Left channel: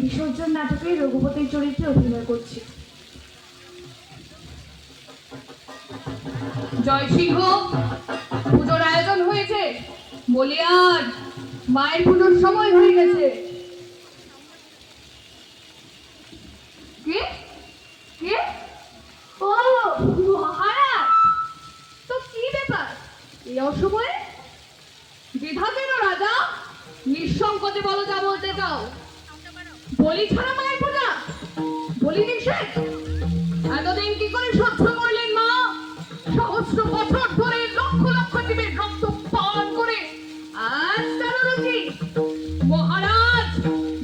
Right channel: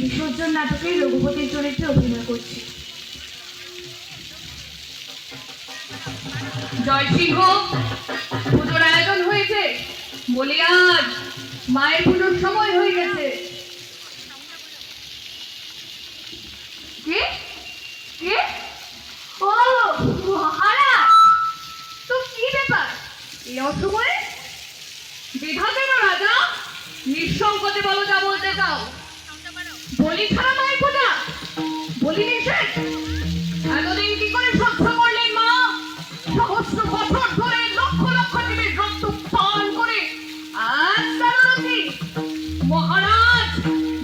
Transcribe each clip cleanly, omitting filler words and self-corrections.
বিসর্জন নাটকে রঘুপতির চরিত্রে অভিনয় করছি। জয় সিংহ, পুজোর আয়োজন হয়েছে। বলি আজ মায়ের পুজোর সময় হয়ে গেছে। কে কে? ও মহারাজ, তো কি ব্যাপার এই অসময়ে? বিধা কেন রাজা? নিঃসংকোচে বলো যা বলতে চাও। বলি ছাড়া মায়ের পূজা, বলি নিষেধ। এতদিন কি করে সহ্য করলেন মা? সহস্র বছর ধরে লক্ষ লক্ষ জীবের রক্ত পান করে আজ তার কি? মহারাজ,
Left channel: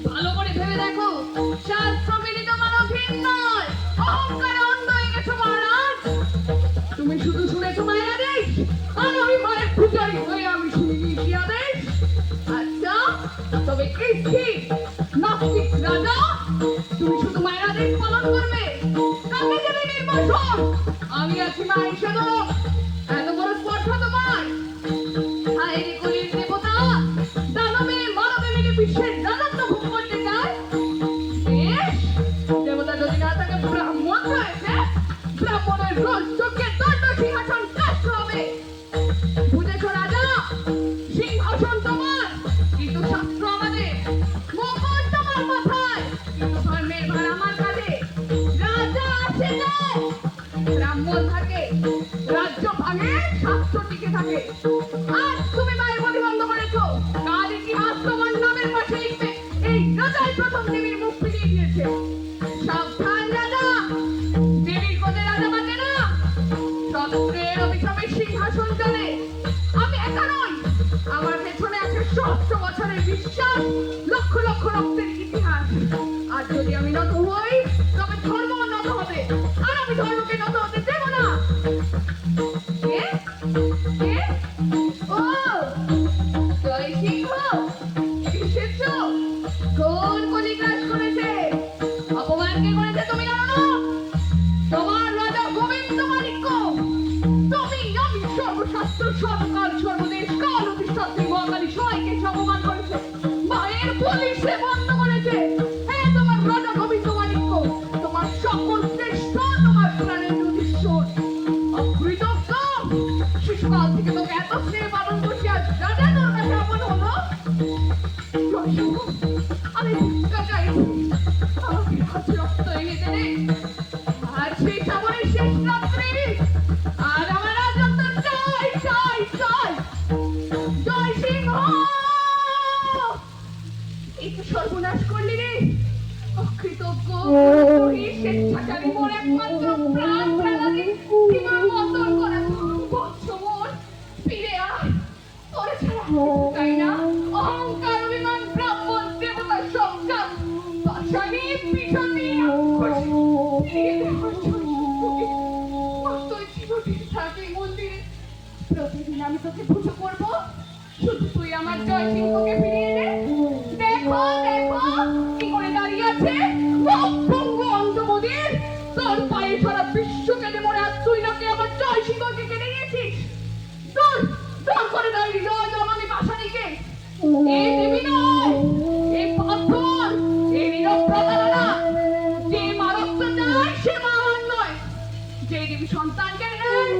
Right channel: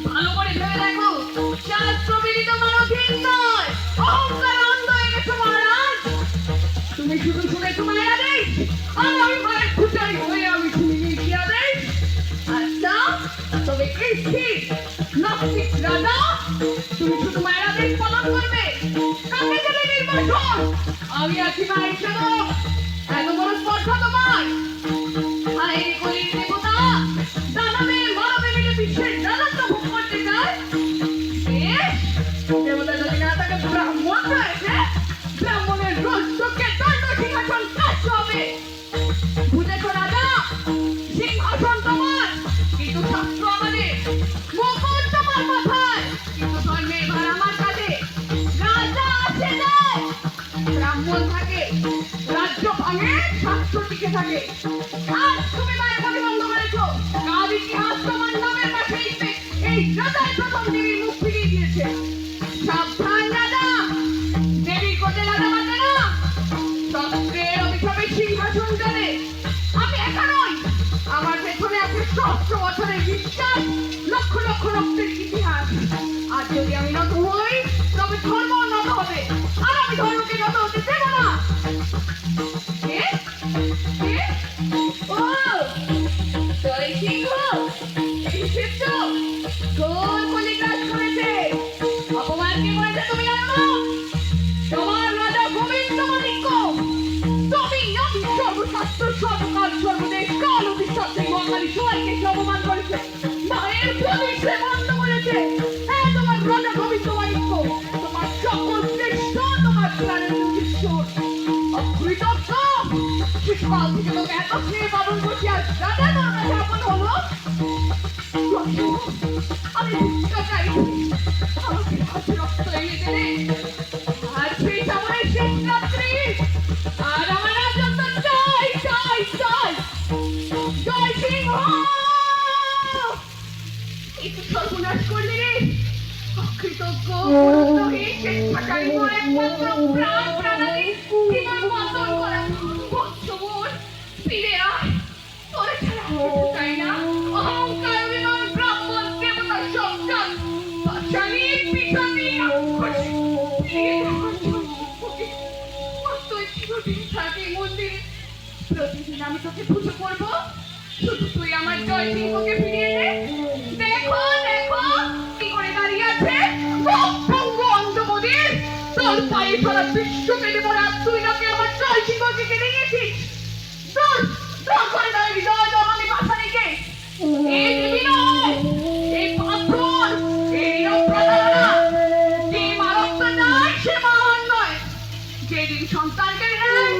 ভালো করে ভেবে দেখো, শাস্ত্র বিদিত মানবহীন নয়, অহংকার অন্ধ হয়ে গেছে মহারাজ। তুমি শুধু শুনেছো মায়ের আদেশ, আর আমি মায়ের পূজারী হয়ে আমি শুনিনি কি আদেশ। আচ্ছা, তবে কৃষ্টি নাস্তিক রাজা, তুমি শুধু মায়ের আদেশ পালন করবে, কাকে দেবে নির্বাসন? আমি আছি মায়ের সেবক, এত বড় স্পর্ধা তোমায়? হায় কলির দেবতা, দানবে মানবে মিলে বিশ্বের রাজত্ব ভোগ করতে চায়। দেবতা যদি না থাকে ব্রাহ্মণ রয়েছে, ব্রাহ্মণের রজ্জকে দণ্ড সিংহাসন কাছে হবে। বুঝেছো রাজা, সিংহাসন তোমার, কিন্তু শাস্ত্র আমাদের, মুকুট তোমার মাথায়, কিন্তু ধর্মের ভার আমার কাঁধে। রাজা আছে যায়, ব্রাহ্মণ থাকে, রাজ্য ভাঙে, শাস্ত্র টিকে থাকে। আজ তুমি মায়ের প্রতিবন্ধ করেছো, কাল ইতিহাস তোমার নামের পাশে লিখবে এই রাজাই প্রথম দেবীর মুখ ফিরিয়ে দিয়েছে। সাবধান রাজা, দেবীর কোটে রাজা বাঁচে না, তত্ত্বের অভিশাপে সিংহাসন চলে। আমি একা নই, আমার পেছনে আছে সহস্র বছরের বিশ্বাস, লক্ষ লক্ষ রক্তের ইতিহাস। আর যদি আমি নত হই, তবে ধর্ম নত হবে, আর আমি ধর্মকে নত হতে দেব না। কে? কে? ও জয় সিংহ, এসেছো? কোন বলি কাজ করেছে? অপমান কে করেছে তুমি জানো? তোমার রাজা গোবিন্দ মাণিক্য। তুমি নাকি সর্বশাস্ত্র সর্বকাল সর্বদেশ কাল অধিষ্ঠাত্রী মহাকালী সবাইকে অপমান করেছে, মায়ের প্রতিষ্ঠা বন্ধ করেছে। হ্যাঁ, তোমার রাজা গোবিন্দ মাণিক্য, তোমার সকল শ্রেষ্ঠ, তোমার প্রাণের যুধিষ্ঠির। অকৃতজ্ঞ, শিশুকাল থেকে তোকে এত স্নেহ পালন করছি, আজ রাজা তোর কাছে আপন হলো। আমি ভিক্ষা চাইছি, আমাকে হাতে রক্ত এনে দেবে। আর সেই সময় শেষ রাত্রি, আর আমার রাজত্ব চাই চাই চাই। জয় সিংহ, একটু সর্বনাশ করলি রে অকৃতজ্ঞ। তুই স্বেচ্ছাচারী মোর একমাত্র প্রাণ প্রাণালী, বিমান বন্ধন করা বৎস মোর, ফিরে আয়, তোর ছাড়া কিছু চাই না। অহংকার অভিমান ব্রাহ্মণ দেবতা সংখ্যান পাশানি পিছানি রাক্ষসী, ফিরিয়ে দে আমার জয় সিংহকে। তুই চিরদিন থাকি মন্দিরে, প্রতিদিন আমি তোকে পুজো করবো, শুধু তুই আমার জয় সিংহকে ফিরিয়ে দে। দেখো দেখো কি করে দাঁড়িয়ে আছে, ভঙ্গ অন্ধমদির, তোর পায়ে সারা বিশ্ব কেটে পড়া, তুই নাকি আমার জয় সিংহকে কেটে নিয়েছিস। দূর দূর করে দাঁড়িয়ে হৃদয় জমানি পাশানিকে। এই দেবী নয়, এই পাথর, এই নীরব প্রতারণা। যে মারত্ব নয় সে মহান নয়, যে দেবী সন্তান কেড়ে নেয়